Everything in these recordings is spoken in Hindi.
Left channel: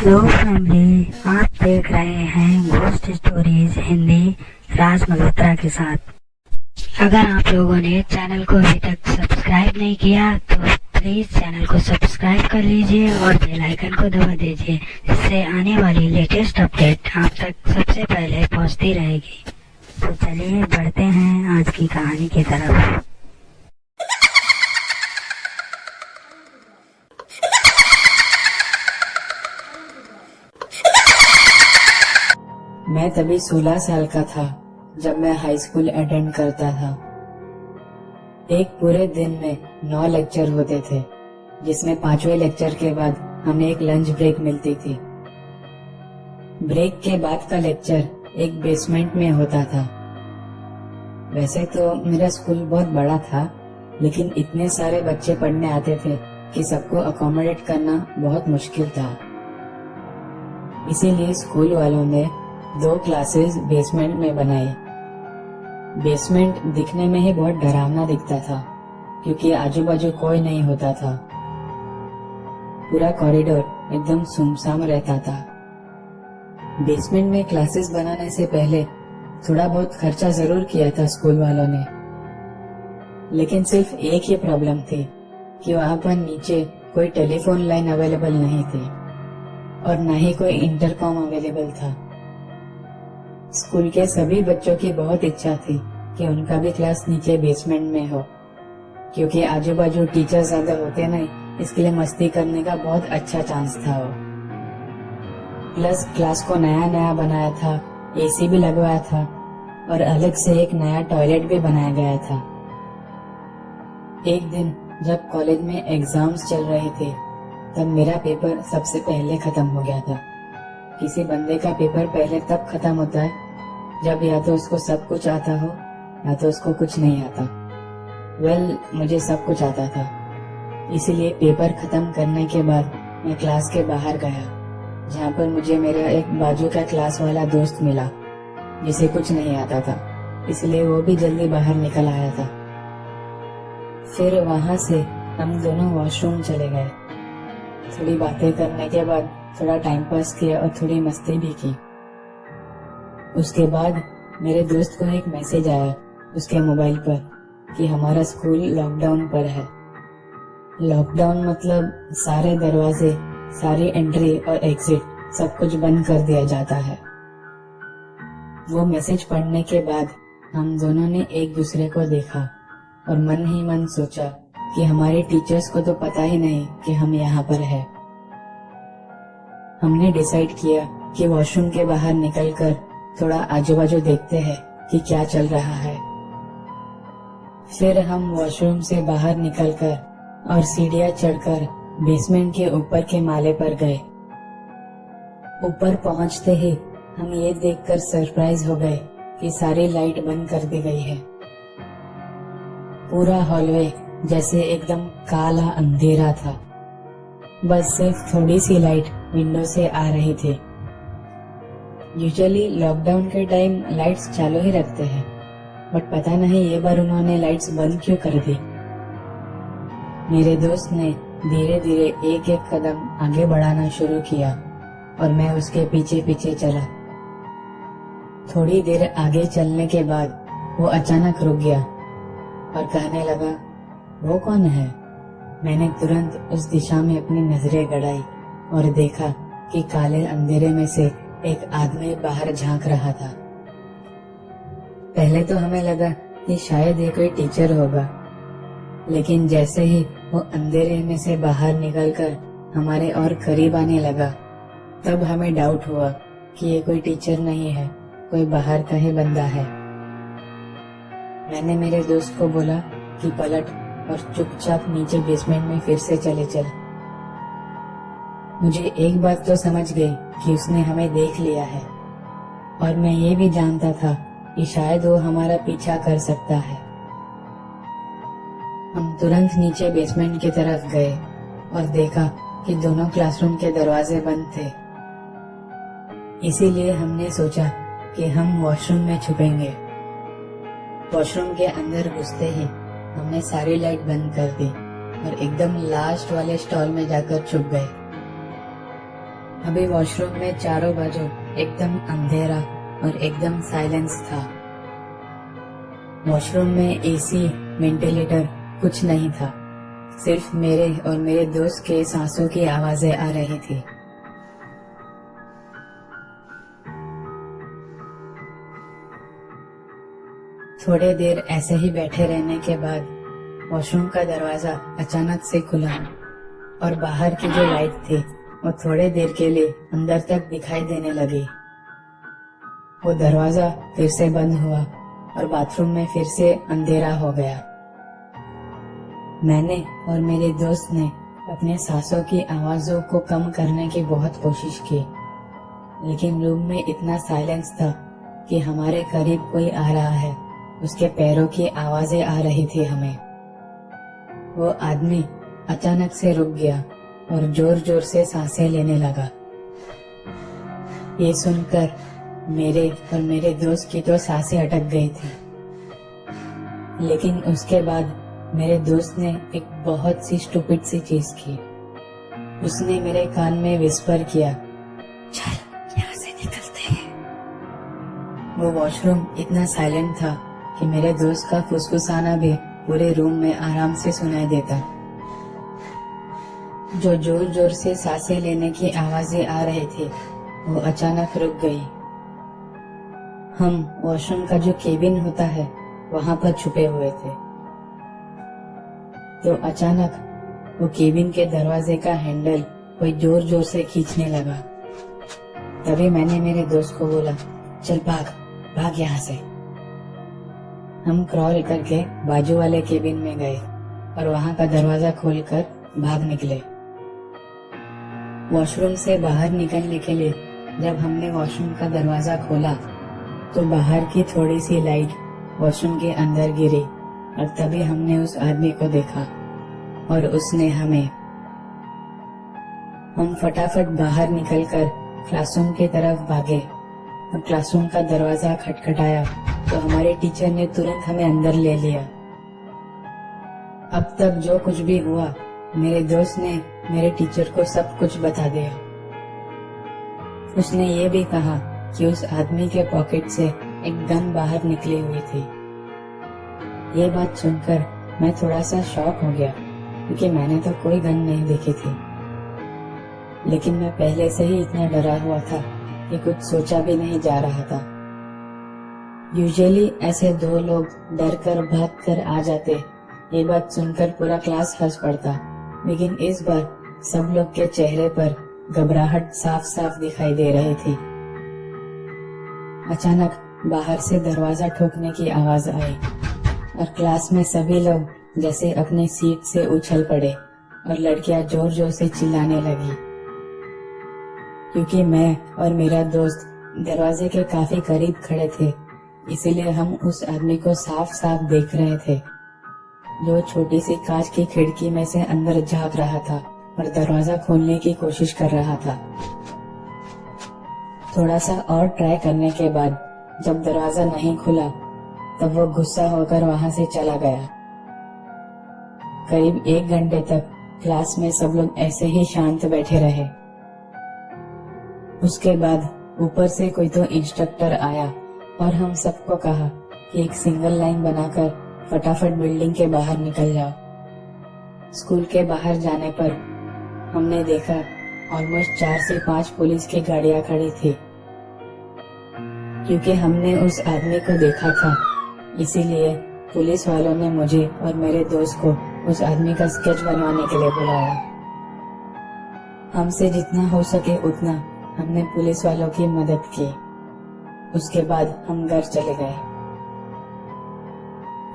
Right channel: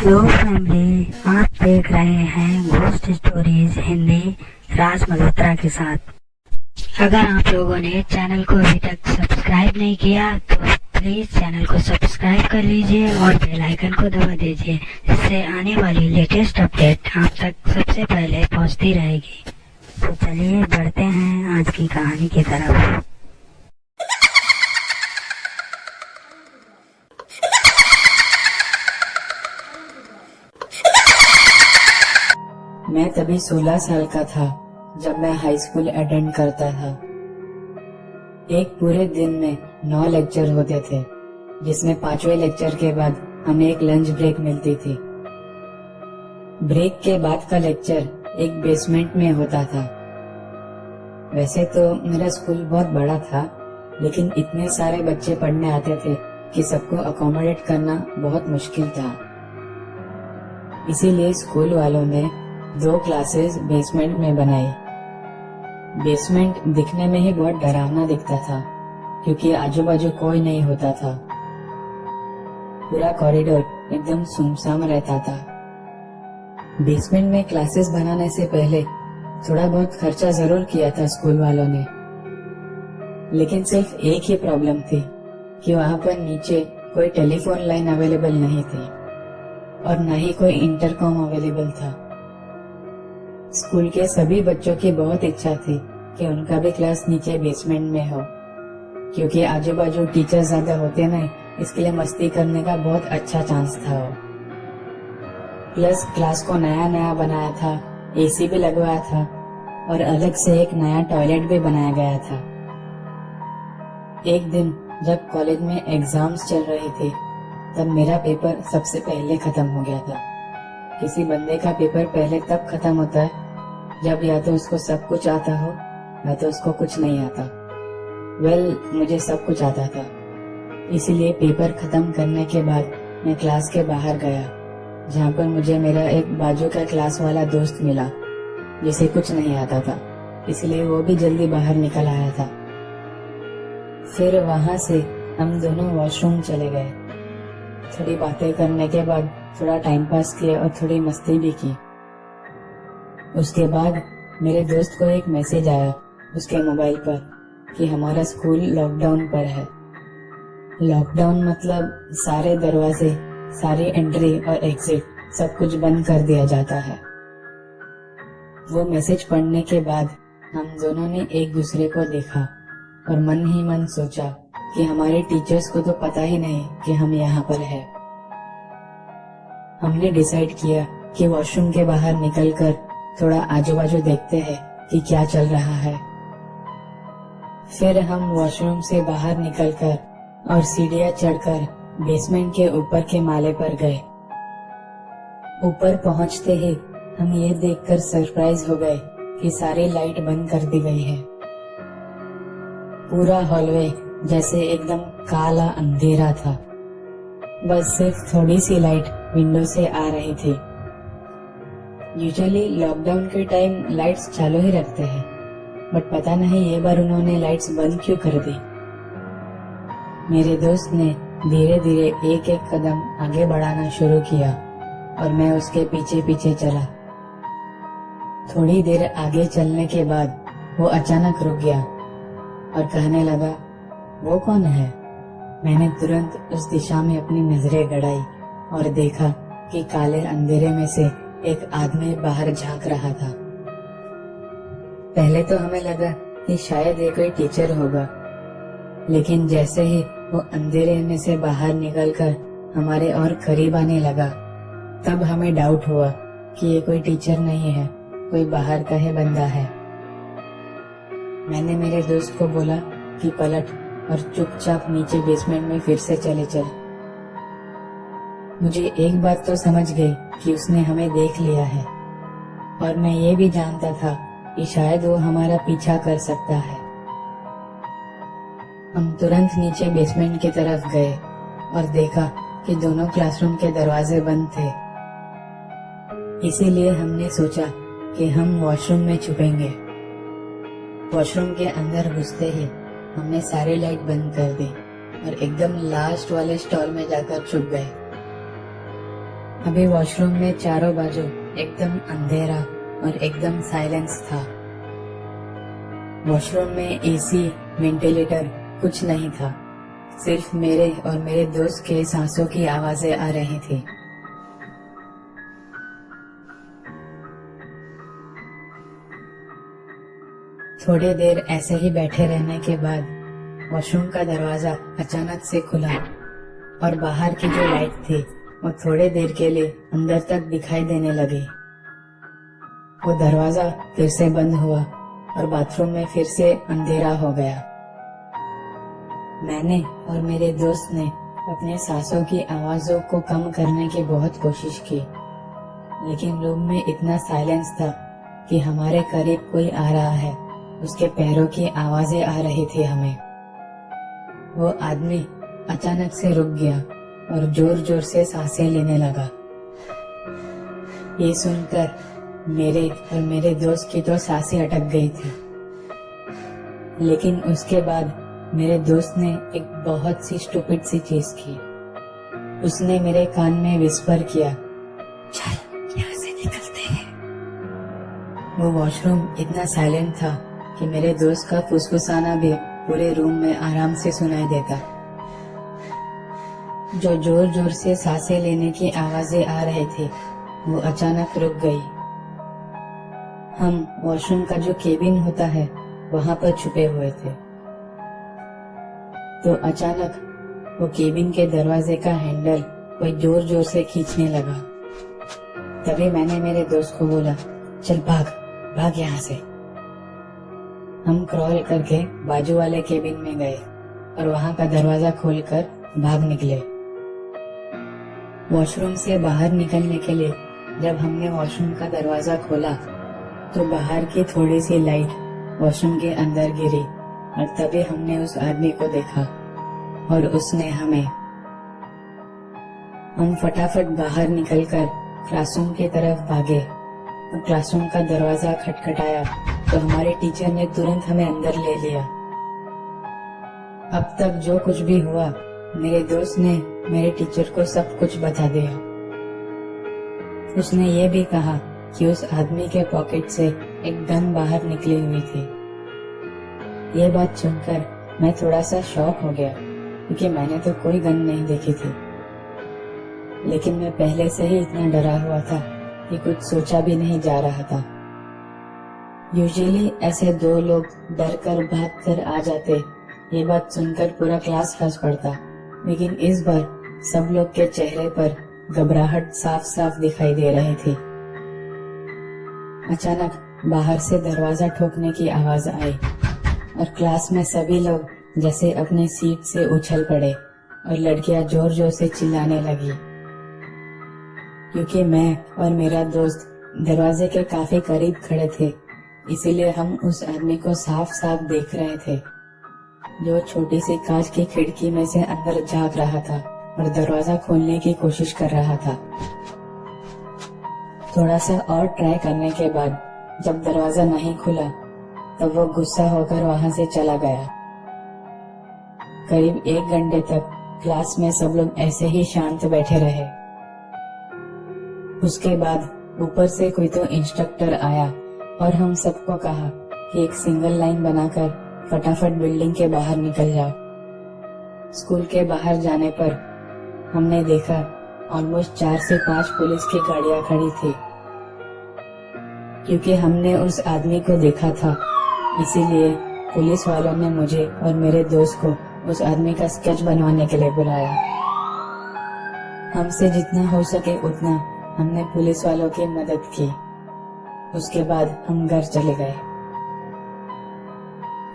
हेलो फैमिली, आप देख रहे हैं घोस्ट स्टोरीज हिंदी राज मल्होत्रा के साथ। अगर आप लोगों ने चैनल को अभी तक सब्सक्राइब नहीं किया तो प्लीज चैनल को सब्सक्राइब कर लीजिए और बेल आइकन को दबा दीजिए, जिससे आने वाली लेटेस्ट अपडेट आप तक सबसे पहले पहुंचती रहेगी। तो चलिए बढ़ते हैं आज की कहानी की तरफ। मैं तभी 16 साल का था जब मैं हाई स्कूल अटेंड करता था। एक पूरे दिन में 9 लेक्चर होते थे, जिसमें 5वें लेक्चर के बाद हमें एक लंच ब्रेक मिलती थी। ब्रेक के बाद का लेक्चर एक बेसमेंट में होता था। वैसे तो मेरा स्कूल बहुत बड़ा था, लेकिन इतने सारे बच्चे पढ़ने आते थे कि सबको अकोमोडेट करना बहुत मुश्किल था। इसीलिए स्कूल वालों ने 2 क्लासेस बेसमेंट में बनाई। बेसमेंट दिखने में ही बहुत डरावना दिखता था, क्योंकि आजू बाजू कोई नहीं होता था। पूरा कॉरिडोर एकदम सुनसान रहता था। बेसमेंट में क्लासेस बनाने से पहले थोड़ा बहुत खर्चा जरूर किया था स्कूल वालों ने, लेकिन सिर्फ एक ही प्रॉब्लम थी कि वहाँ पर नीचे कोई टेलीफोन लाइन अवेलेबल नहीं थी और न ही कोई इंटरकॉम अवेलेबल था। स्कूल के सभी बच्चों की बहुत इच्छा थी कि उनका भी क्लास नीचे बेसमेंट में हो, क्योंकि आजू बाजू टीचर ज्यादा होते नहीं, इसके लिए मस्ती करने का बहुत अच्छा चांस था। प्लस क्लास को नया नया बनाया था, एसी भी लगवाया था और अलग से एक नया टॉयलेट भी बनाया गया था। एक दिन जब कॉलेज में एग्जाम्स चल रहे थे, तब मेरा पेपर सबसे पहले खत्म हो गया था। किसी बंदे का पेपर पहले तब खत्म होता है जब या तो उसको सब कुछ आता हो या तो उसको कुछ नहीं आता। मुझे सब कुछ आता था, इसीलिए पेपर खत्म करने के बाद मैं क्लास के बाहर गया, जहाँ पर मुझे मेरा एक बाजू का क्लास वाला दोस्त मिला जिसे कुछ नहीं आता था, इसलिए वो भी जल्दी बाहर निकल आया था। फिर वहां से हम दोनों वॉशरूम चले गए। थोड़ी बातें करने के बाद थोड़ा टाइम पास किया और थोड़ी मस्ती भी की। उसके बाद मेरे दोस्त को एक मैसेज आया उसके मोबाइल पर कि हमारा स्कूल लॉकडाउन पर है। लॉकडाउन मतलब सारे दरवाजे, सारी एंट्री और एग्जिट सब कुछ बंद कर दिया जाता है। वो मैसेज पढ़ने के बाद हम दोनों ने एक दूसरे को देखा और मन ही मन सोचा कि हमारे टीचर्स को तो पता ही नहीं कि हम यहाँ पर हैं। हमने डिसाइड किया कि वॉशरूम के बाहर निकलकर थोड़ा आजू बाजू देखते हैं कि क्या चल रहा है। फिर हम वॉशरूम से बाहर निकलकर और सीढ़ियां चढ़कर बेसमेंट के ऊपर के माले पर गए। ऊपर पहुंचते ही हम ये देखकर सरप्राइज हो गए कि सारी लाइट बंद कर दी गई है। पूरा हॉलवे जैसे एकदम काला अंधेरा था, बस सिर्फ थोड़ी सी लाइट विंडो से आ रही थी। यूजुअली लॉकडाउन के टाइम लाइट्स चालू ही रखते हैं, बट पता नहीं ये बार उन्होंने लाइट्स बंद क्यों कर दी। मेरे दोस्त ने धीरे धीरे एक एक कदम आगे बढ़ाना शुरू किया और मैं उसके पीछे पीछे चला। थोड़ी देर आगे चलने के बाद वो अचानक रुक गया और कहने लगा, वो कौन है? मैंने तुरंत उस दिशा में अपनी नजरें गड़ाई और देखा कि काले अंधेरे में से एक आदमी बाहर झांक रहा था। पहले तो हमें लगा कि शायद ये कोई टीचर होगा, लेकिन जैसे ही वो अंधेरे में से बाहर निकलकर हमारे और करीब आने लगा, तब हमें डाउट हुआ कि ये कोई टीचर नहीं है, कोई बाहर का ही बंदा है। मैंने मेरे दोस्त को बोला कि पलट और चुपचाप नीचे बेसमेंट में फिर से चले चल। मुझे एक बात तो समझ गई कि उसने हमें देख लिया है, और मैं ये भी जानता था कि शायद वो हमारा पीछा कर सकता है। हम तुरंत नीचे बेसमेंट की तरफ गए और देखा कि दोनों क्लासरूम के दरवाजे बंद थे। इसीलिए हमने सोचा कि हम वॉशरूम में छुपेंगे। वॉशरूम के अंदर घुसते ही हमने सारी लाइट बंद कर दी और एकदम लास्ट वाले स्टॉल में जाकर छुप गए। अभी वॉशरूम में चारों बाजू एकदम अंधेरा और एकदम साइलेंस था। वॉशरूम में एसी, वेंटिलेटर कुछ नहीं था। सिर्फ मेरे और मेरे दोस्त के सांसों की आवाजें आ रही थी। थोड़े देर ऐसे ही बैठे रहने के बाद वॉशरूम का दरवाजा अचानक से खुला और बाहर की जो लाइट थी वो थोड़े देर के लिए अंदर तक दिखाई देने लगी। वो दरवाजा फिर से बंद हुआ और बाथरूम में फिर से अंधेरा हो गया। मैंने और मेरे दोस्त ने अपने सांसों की आवाजों को कम करने की बहुत कोशिश की, लेकिन रूम में इतना साइलेंस था कि हमारे करीब कोई आ रहा है, उसके पैरों की आवाजें आ रही थी हमें। वो आदमी अचानक से रुक गया और जोर जोर से सांसें लेने लगा। ये सुनकर मेरे और मेरे दोस्त की तो सांसें अटक गई थी। लेकिन उसके बाद मेरे दोस्त ने एक बहुत सी स्टूपिड सी चीज की। उसने मेरे कान में विस्पर किया, चल यहाँ से निकलते हैं। वो वॉशरूम इतना साइलेंट था कि मेरे दोस्त का फुसफुसाना भी पूरे रूम में आराम से सुनाई देता। जो जोर जोर से सांसें लेने की आवाजें आ रही थी वो अचानक रुक गई। हम वॉशरूम का जो केबिन होता है वहां पर छुपे हुए थे। तो अचानक वो केबिन के दरवाजे का हैंडल कोई जोर जोर से खींचने लगा। तभी मैंने मेरे दोस्त को बोला, चल भाग भाग यहाँ से। हम क्रॉल करके बाजू वाले केबिन में गए और वहां का दरवाजा खोलकर भाग निकले। वॉशरूम से बाहर निकलने के लिए जब हमने वॉशरूम का दरवाजा खोला तो बाहर की थोड़ी सी लाइट वॉशरूम के अंदर गिरी और तभी हमने उस आदमी को देखा और उसने हमें। हम फटाफट बाहर निकलकर क्लासरूम की तरफ भागे और क्लासरूम का दरवाजा खटखटाया तो हमारे टीचर ने तुरंत हमें अंदर ले लिया। अब तक जो कुछ भी हुआ मेरे दोस्त ने मेरे टीचर को सब कुछ बता दिया। उसने ये भी कहा कि उस आदमी के पॉकेट से एक गन बाहर निकली हुई थी। ये बात सुनकर मैं थोड़ा सा शॉक हो गया क्योंकि मैंने तो कोई गन नहीं देखी थी, लेकिन मैं पहले से ही इतना डरा हुआ था कि कुछ सोचा भी नहीं जा रहा था। यूजुअली ऐसे दो लोग डर कर भाग कर आ जाते, ये बात सुनकर पूरा क्लास हंस पड़ता, लेकिन इस बार सब लोग के चेहरे पर घबराहट साफ साफ दिखाई दे रही थी। अचानक बाहर से दरवाजा ठोकने की आवाज आई और क्लास में सभी लोग जैसे अपनी सीट से उछल पड़े और लड़कियां जोर जोर से चिल्लाने लगी। क्योंकि मैं और मेरा दोस्त दरवाजे के काफी करीब खड़े थे, इसीलिए हम उस आदमी को साफ साफ देख रहे थे जो छोटी सी कांच की खिड़की में से अंदर झांक रहा था और दरवाजा खोलने की कोशिश कर रहा था। थोड़ा सा और ट्राई करने के बाद जब दरवाजा नहीं खुला तब वो गुस्सा होकर वहां से चला गया। करीब 1 घंटे तक क्लास में सब लोग ऐसे ही शांत बैठे रहे। उसके बाद ऊपर से कोई तो इंस्ट्रक्टर आया और हम सबको कहा कि एक सिंगल लाइन बनाकर फटाफट बिल्डिंग के बाहर निकल जाओ। स्कूल के बाहर जाने पर हमने देखा ऑलमोस्ट 4 से 5 पुलिस की गाड़ियां खड़ी थी। क्योंकि हमने उस आदमी को देखा था, इसीलिए पुलिस वालों ने मुझे और मेरे दोस्त को उस आदमी का स्केच बनवाने के लिए बुलाया। हमसे जितना हो सके उतना हमने पुलिस वालों की मदद की। उसके बाद हम घर चले गए।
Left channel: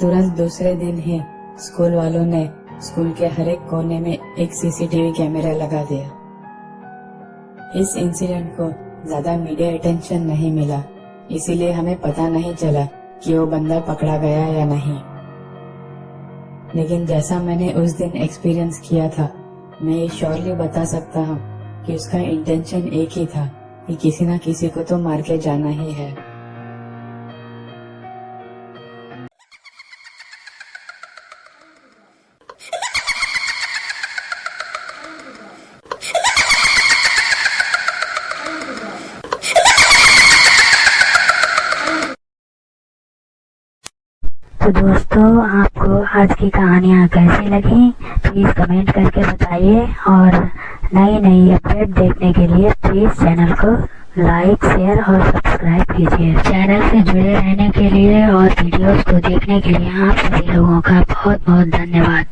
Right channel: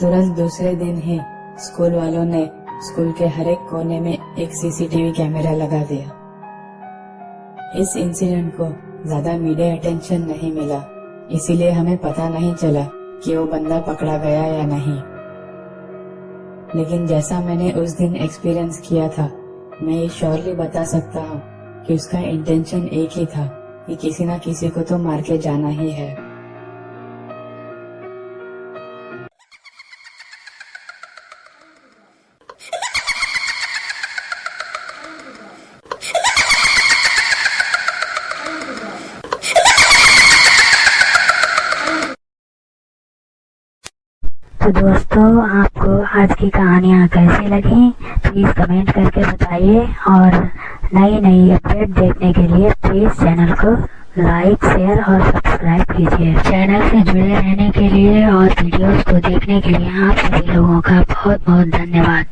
तुरंत दूसरे दिन ही स्कूल वालों ने स्कूल के हर एक कोने में एक सीसीटीवी कैमरा लगा दिया। इस इंसिडेंट को ज्यादा मीडिया अटेंशन नहीं मिला, इसीलिए हमें पता नहीं चला कि वो बंदा पकड़ा गया या नहीं। लेकिन जैसा मैंने उस दिन एक्सपीरियंस किया था, मैं ये श्योरली बता सकता हूँ कि उसका इंटेंशन एक ही था कि किसी ना किसी को तो मार के जाना ही है। तो दोस्तों, आपको आज की कहानियाँ कैसी लगी प्लीज़ कमेंट करके बताइए, और नई नई अपडेट देखने के लिए प्लीज़ चैनल को लाइक, शेयर और सब्सक्राइब कीजिए। चैनल से जुड़े रहने के लिए और वीडियोस को देखने के लिए आप सभी लोगों का बहुत बहुत धन्यवाद।